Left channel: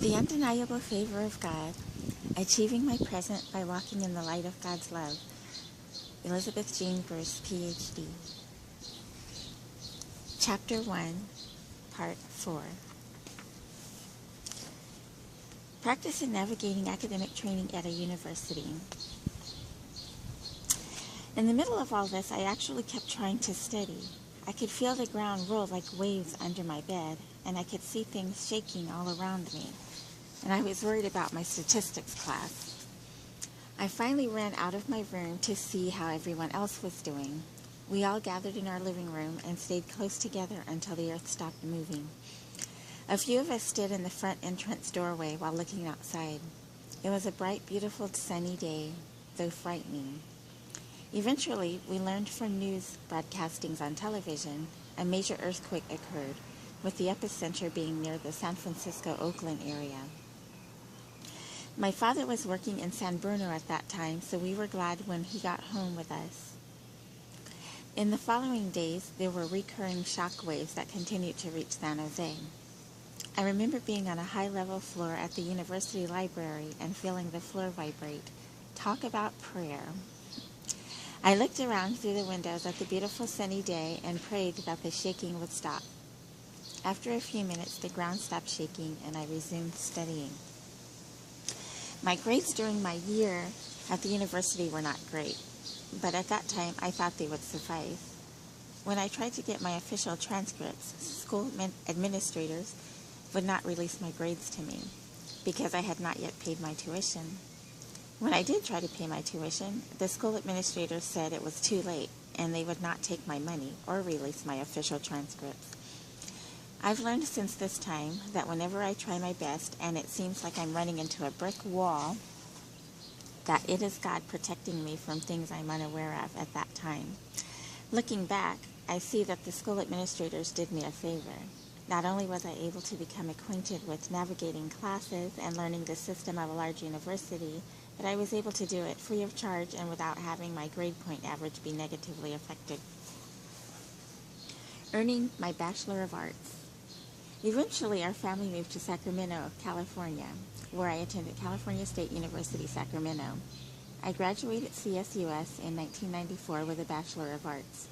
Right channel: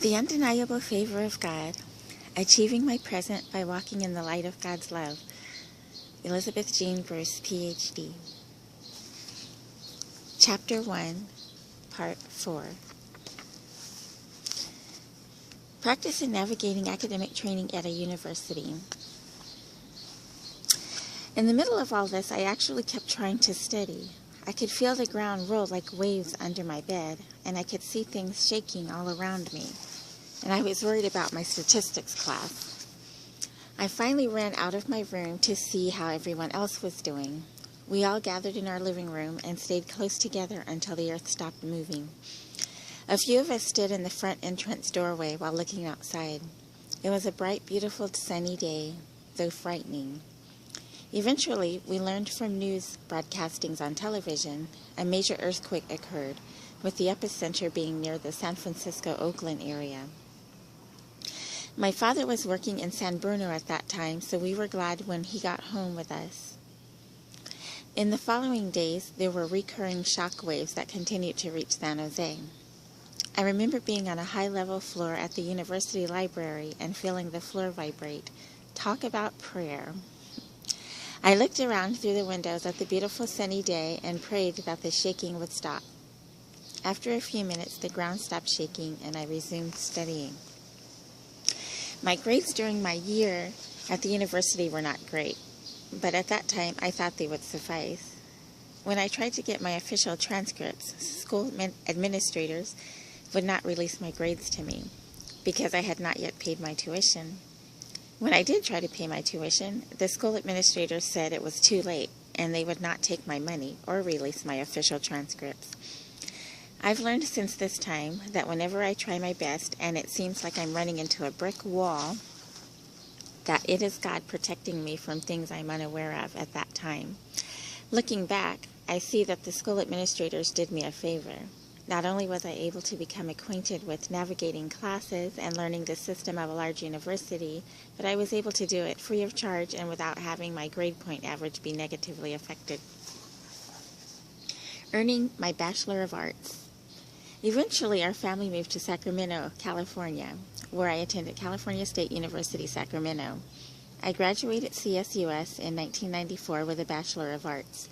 The undeniable favor of God, achieving my present by walking in the light of God's love. Elizabeth Jean Bruce, Ph.D. Chapter 1, Part 4. Practice in navigating academic training at a university. In the middle of all this, I actually kept trying to study. I could feel the ground roll like waves under my bed, and I could see things shaking all around me. And I was worried about my statistics class. I finally ran out of my room to see how everyone else was doing. We all gathered in our living room and stayed close together until the earth stopped moving. A few of us stood in the front entrance doorway while looking outside. It was a bright, beautiful, sunny day, though frightening. Eventually, we learned from news broadcastings on television a major earthquake occurred, with the epicenter being near the San Francisco-Oakland area. My father was working in San Bruno at that time, so we were glad when he got home with us. In the following days, there were recurring shock waves that continued to reach San Jose. I remember being on a high-level floor at the university library and feeling the floor vibrate. Talk about prayer. I looked around through the windows at the beautiful sunny day and prayed that the shaking would stop. After a few minutes, the ground stopped shaking and I resumed studying. My grades during my year at the university were not great, but at that time I thought they would suffice. When I tried to get my official transcripts, school administrators would not release my grades to me because I had not yet paid my tuition. When I did try to pay my tuition, the school administrators said it was too late and they would not take my money or release my official transcripts. I've learned since this time that whenever I try my best and it seems like I'm running into a brick wall, that it is God protecting me from things I'm unaware of at that time. Looking back, I see that the school administrators did me a favor. Not only was I able to become acquainted with navigating classes and learning the system of a large university, but I was able to do it free of charge and without having my grade point average be negatively affected. Earning my Bachelor of Arts. Eventually, our family moved to Sacramento, California, where I attended California State University, Sacramento. I graduated CSUS in 1994 with a Bachelor of Arts.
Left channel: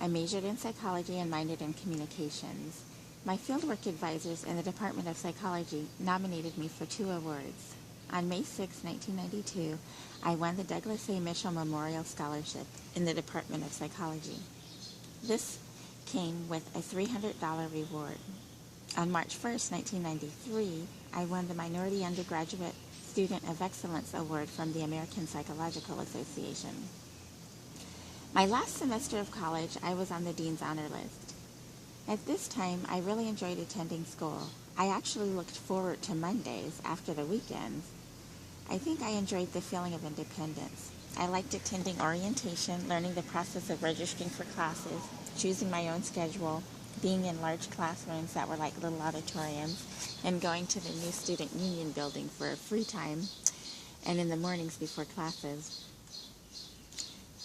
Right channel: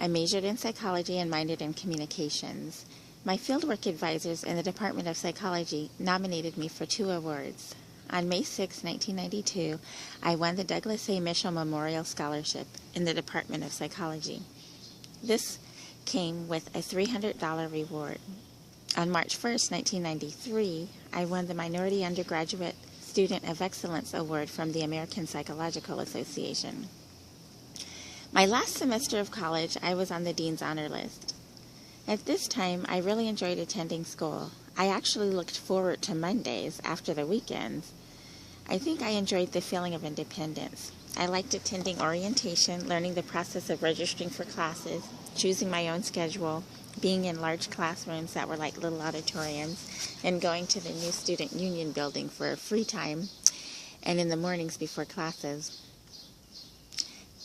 I majored in psychology and minored in communications. My fieldwork advisors in the Department of Psychology nominated me for 2 awards. On May 6, 1992, I won the Douglas A. Mitchell Memorial Scholarship in the Department of Psychology. This came with a $300 reward. On March 1, 1993, I won the Minority Undergraduate Student of Excellence Award from the American Psychological Association. My last semester of college, I was on the Dean's Honor List. At this time, I really enjoyed attending school. I actually looked forward to Mondays after the weekends. I think I enjoyed the feeling of independence. I liked attending orientation, learning the process of registering for classes, choosing my own schedule, being in large classrooms that were like little auditoriums, and going to the new student union building for free time and in the mornings before classes.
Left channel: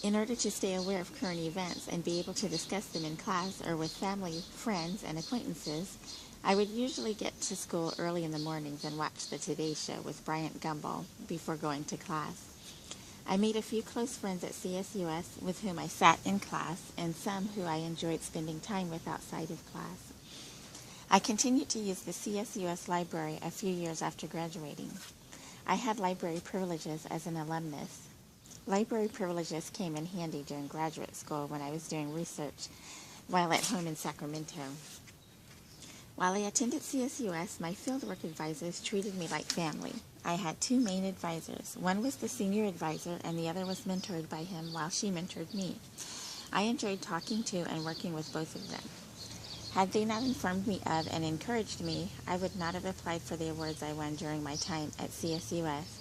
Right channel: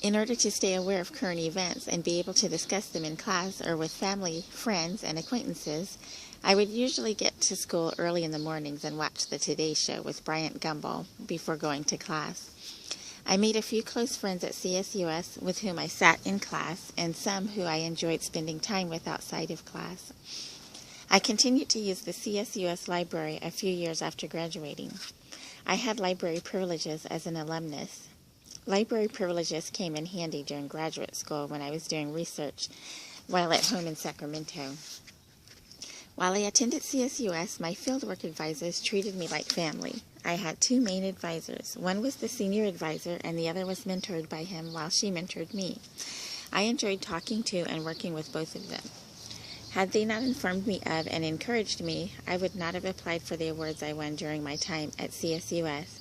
In order to stay aware of current events and be able to discuss them in class or with family, friends, and acquaintances, I would usually get to school early in the mornings and watch the Today Show with Bryant Gumbel before going to class. I made a few close friends at CSUS with whom I sat in class and some who I enjoyed spending time with outside of class. I continued to use the CSUS library a few years after graduating. I had library privileges as an alumnus. Library privileges came in handy during graduate school when I was doing research while at home in Sacramento. While I attended CSUS, my fieldwork advisors treated me like family. I had 2 main advisors. One was the senior advisor, and the other was mentored by him while she mentored me. I enjoyed talking to and working with both of them. Had they not informed me of and encouraged me, I would not have applied for the awards I won during my time at CSUS.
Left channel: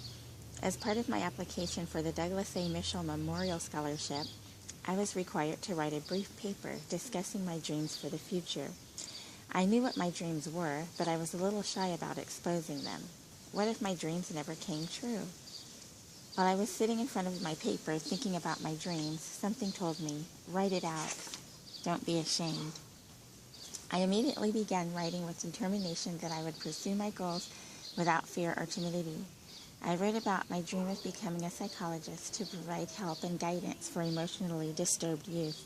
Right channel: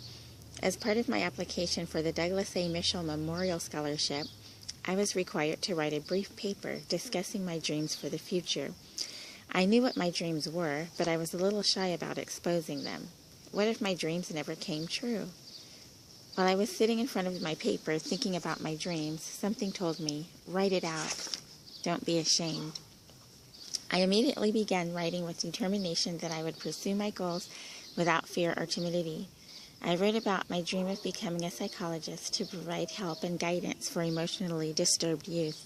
As part of my application for the Douglas A. Mitchell Memorial Scholarship, I was required to write a brief paper discussing my dreams for the future. I knew what my dreams were, but I was a little shy about exposing them. What if my dreams never came true? While I was sitting in front of my paper thinking about my dreams, something told me, write it out. Don't be ashamed. I immediately began writing with determination that I would pursue my goals without fear or timidity. I wrote about my dream of becoming a psychologist to provide help and guidance for emotionally disturbed youth.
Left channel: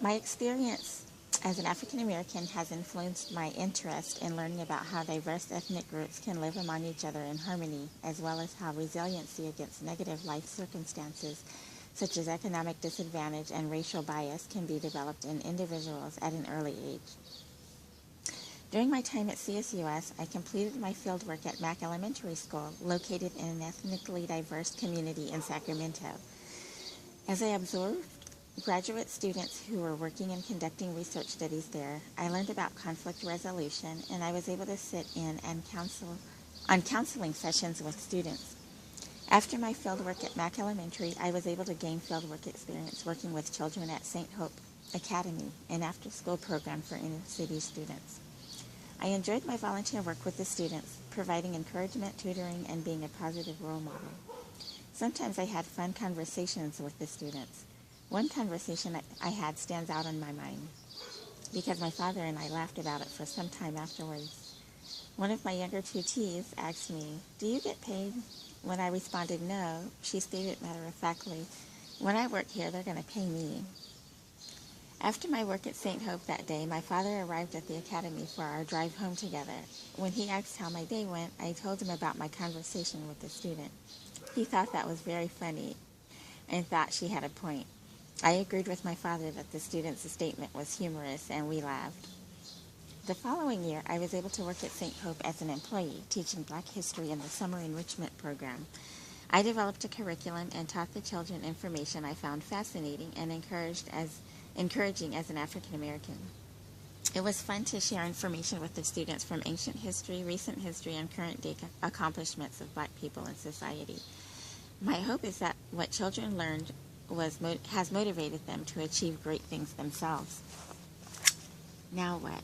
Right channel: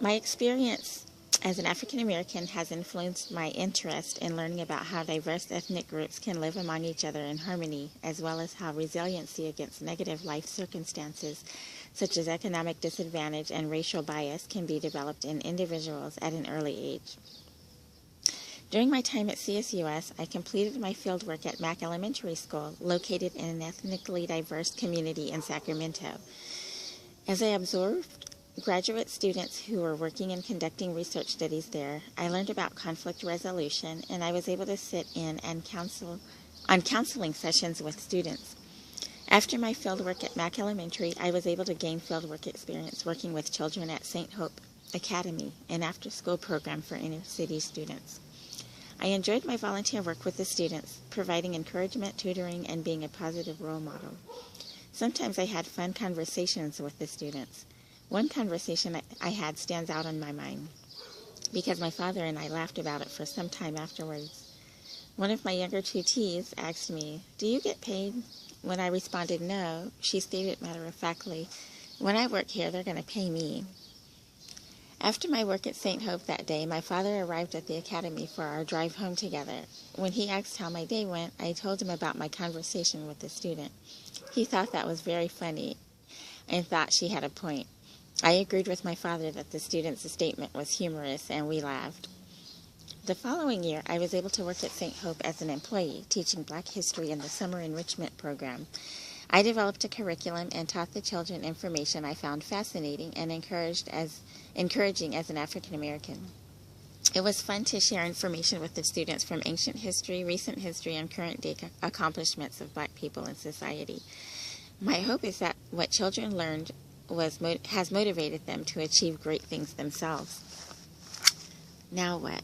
My experience as an African American has influenced my interest in learning about how diverse ethnic groups can live among each other in harmony, as well as how resiliency against negative life circumstances, such as economic disadvantage and racial bias, can be developed in individuals at an early age. During my time at CSUS, I completed my fieldwork at Mack Elementary School, located in an ethnically diverse community in Sacramento. As I observed graduate students who were working and conducting research studies there, I learned about conflict resolution, and I was able to sit in and on counseling sessions with students. After my fieldwork at Mack Elementary, I was able to gain fieldwork experience working with children at St. Hope Academy, an after-school program for inner-city students. I enjoyed my volunteer work with the students, providing encouragement, tutoring, and being a positive role model. Sometimes I had fun conversations with the students. One conversation I had stands out in my mind because my father and I laughed about it for some time afterwards. One of my younger tutees asked me, "Do you get paid?" When I responded no, she stated matter-of-factly, "When I work here, they're going to pay me." After my work at St. Hope that day, my father arrived at the academy for our drive home together. When he asked how my day went, I told him about my conversation with the student. He thought that was very funny and thought she had a point. I agreed with my father that the student's statement was humorous, and we laughed. The following year, I was able to work at St. Hope as an employee, teaching Black history in the summer enrichment program. I developed a curriculum and taught the children information I found fascinating and encouraging as an African American. It was fun to share information with the students from ancient history, recent history, and current day accomplishments of Black people in society. My hope is that what children learned has motivated them to achieve great things themselves. Now what?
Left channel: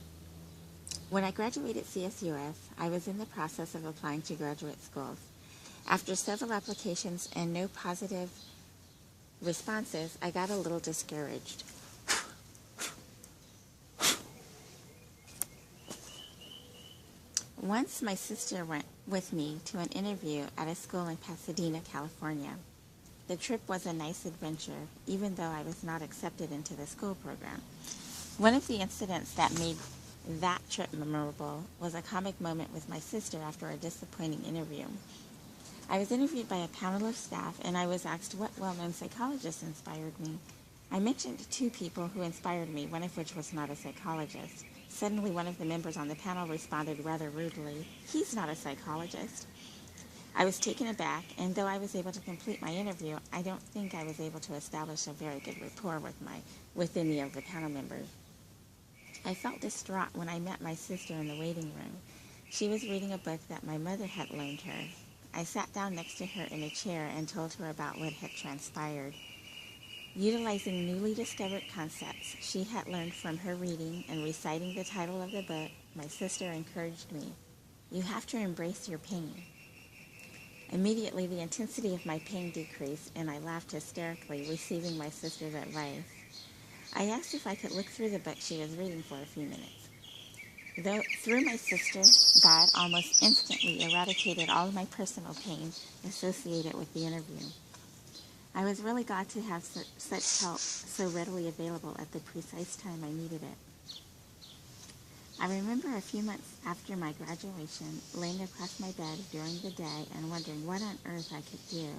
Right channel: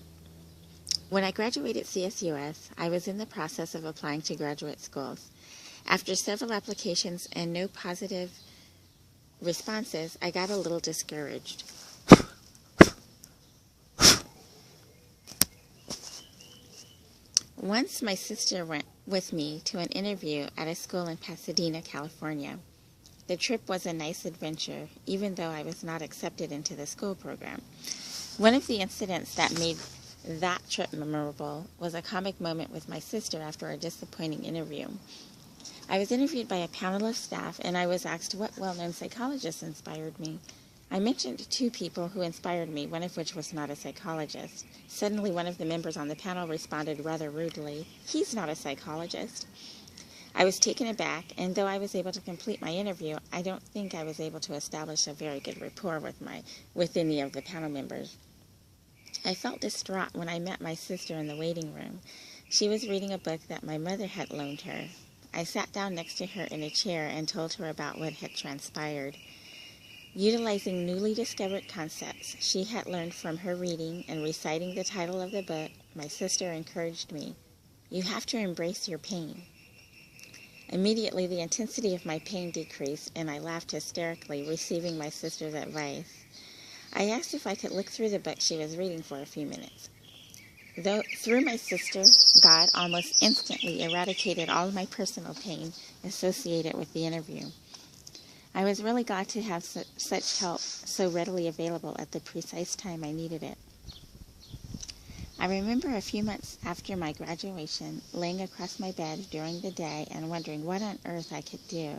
When I graduated CSUS, I was in the process of applying to graduate schools. After several applications and no positive responses, I got a little discouraged. Once my sister went with me to an interview at a school in Pasadena, California. The trip was a nice adventure, even though I was not accepted into the school program. One of the incidents that made that trip memorable was a comic moment with my sister after a disappointing interview. I was interviewed by a panel of staff, and I was asked what well-known psychologists inspired me. I mentioned two people who inspired me, one of which was not a psychologist. Suddenly, one of the members on the panel responded rather rudely, "He's not a psychologist." I was taken aback, and though I was able to complete my interview, I don't think I was able to establish a very good rapport with any of the panel members. I felt distraught when I met my sister in the waiting room. She was reading a book that my mother had loaned her. I sat down next to her in a chair and told her about what had transpired. Utilizing newly discovered concepts she had learned from her reading and reciting the title of the book, my sister encouraged me, "You have to embrace your pain." Immediately, the intensity of my pain decreased, and I laughed hysterically, receiving my sister's advice. I asked if I could look through the book she was reading for a few minutes. Through my sister, God almost instantly eradicated all of my personal pain associated with the interview. I was really glad to have such help so readily available at the precise time I needed it. I remember a few months after my graduation, laying across my bed during the day and wondering what on earth I could do.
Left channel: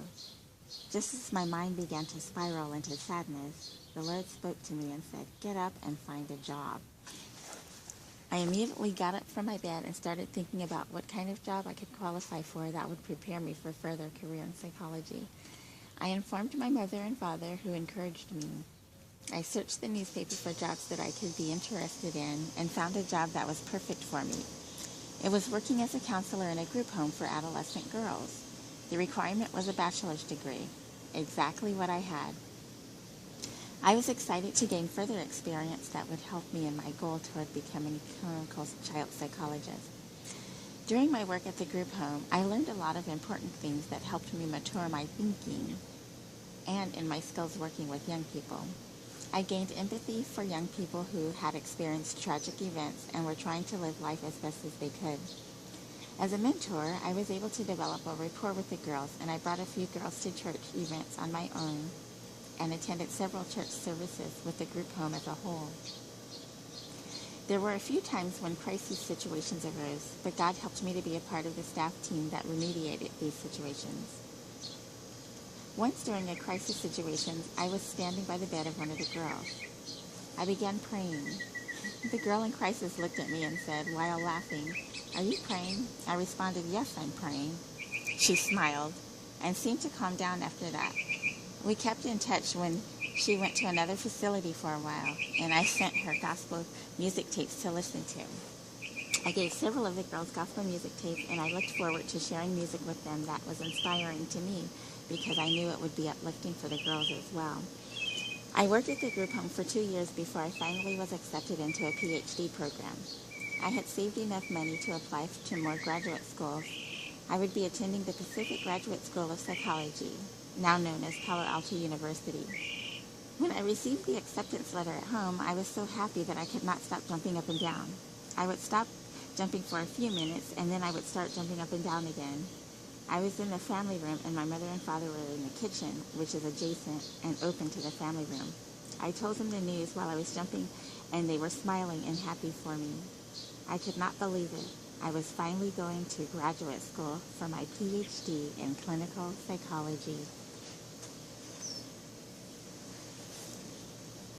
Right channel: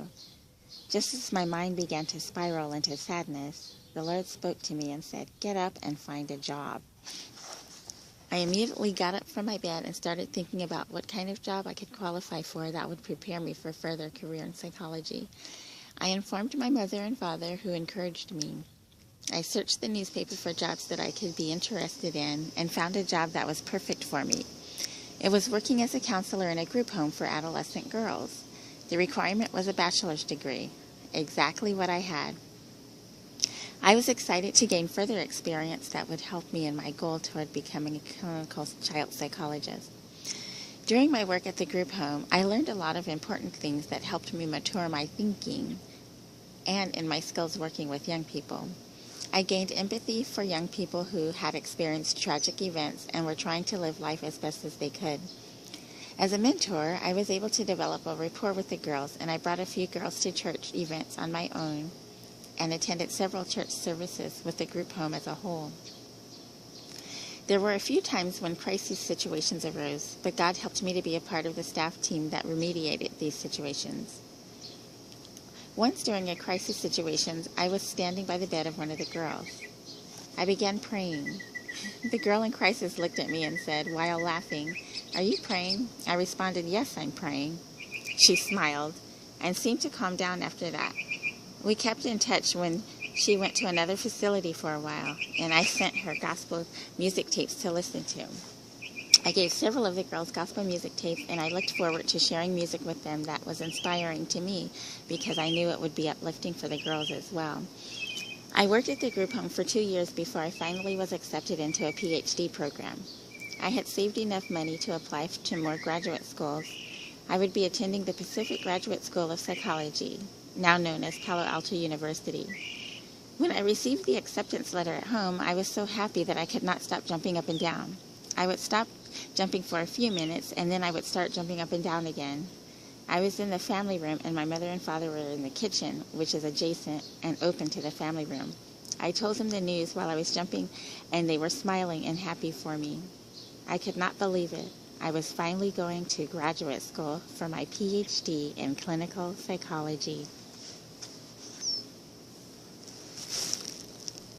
Just as my mind began to spiral into sadness, the Lord spoke to me and said, "Get up and find a job." I immediately got up from my bed and started thinking about what kind of job I could qualify for that would prepare me for further career in psychology. I informed my mother and father, who encouraged me. I searched the newspaper for jobs that I could be interested in and found a job that was perfect for me. It was working as a counselor in a group home for adolescent girls. The requirement was a bachelor's degree, exactly what I had. I was excited to gain further experience that would help me in my goal toward becoming a clinical child psychologist. During my work at the group home, I learned a lot of important things that helped me mature my thinking and in my skills working with young people. I gained empathy for young people who had experienced tragic events and were trying to live life as best as they could. As a mentor, I was able to develop a rapport with the girls, and I brought a few girls to church events on my own and attended several church services with the group home as a whole. There were a few times when crisis situations arose, but God helped me to be a part of the staff team that remediated these situations. Once during a crisis situation, I was standing by the bed of one of the girls. I began praying. The girl in crisis looked at me and said, while laughing, "Are you praying?" I responded, "Yes, I'm praying." She smiled and seemed to calm down after that. We kept in touch when she went to another facility for a while, and I sent her gospel music tapes to listen to. I gave several of the girls gospel music tapes, and I looked forward to sharing music with them that was inspiring to me because I knew it would be uplifting for the girls as well. I worked at the group home for 2 years before I finally was accepted into a Ph.D. program. I had saved enough money to apply to more graduate schools. I would be attending the Pacific Graduate School of Psychology, now known as Palo Alto University. When I received the acceptance letter at home, I was so happy that I could not stop jumping up and down. I would stop jumping for a few minutes, and then I would start jumping up and down again. I was in the family room, and my mother and father were in the kitchen, which is adjacent and open to the family room. I told them the news while I was jumping, and they were smiling and happy for me. I could not believe it. I was finally going to graduate school for my Ph.D. in clinical psychology.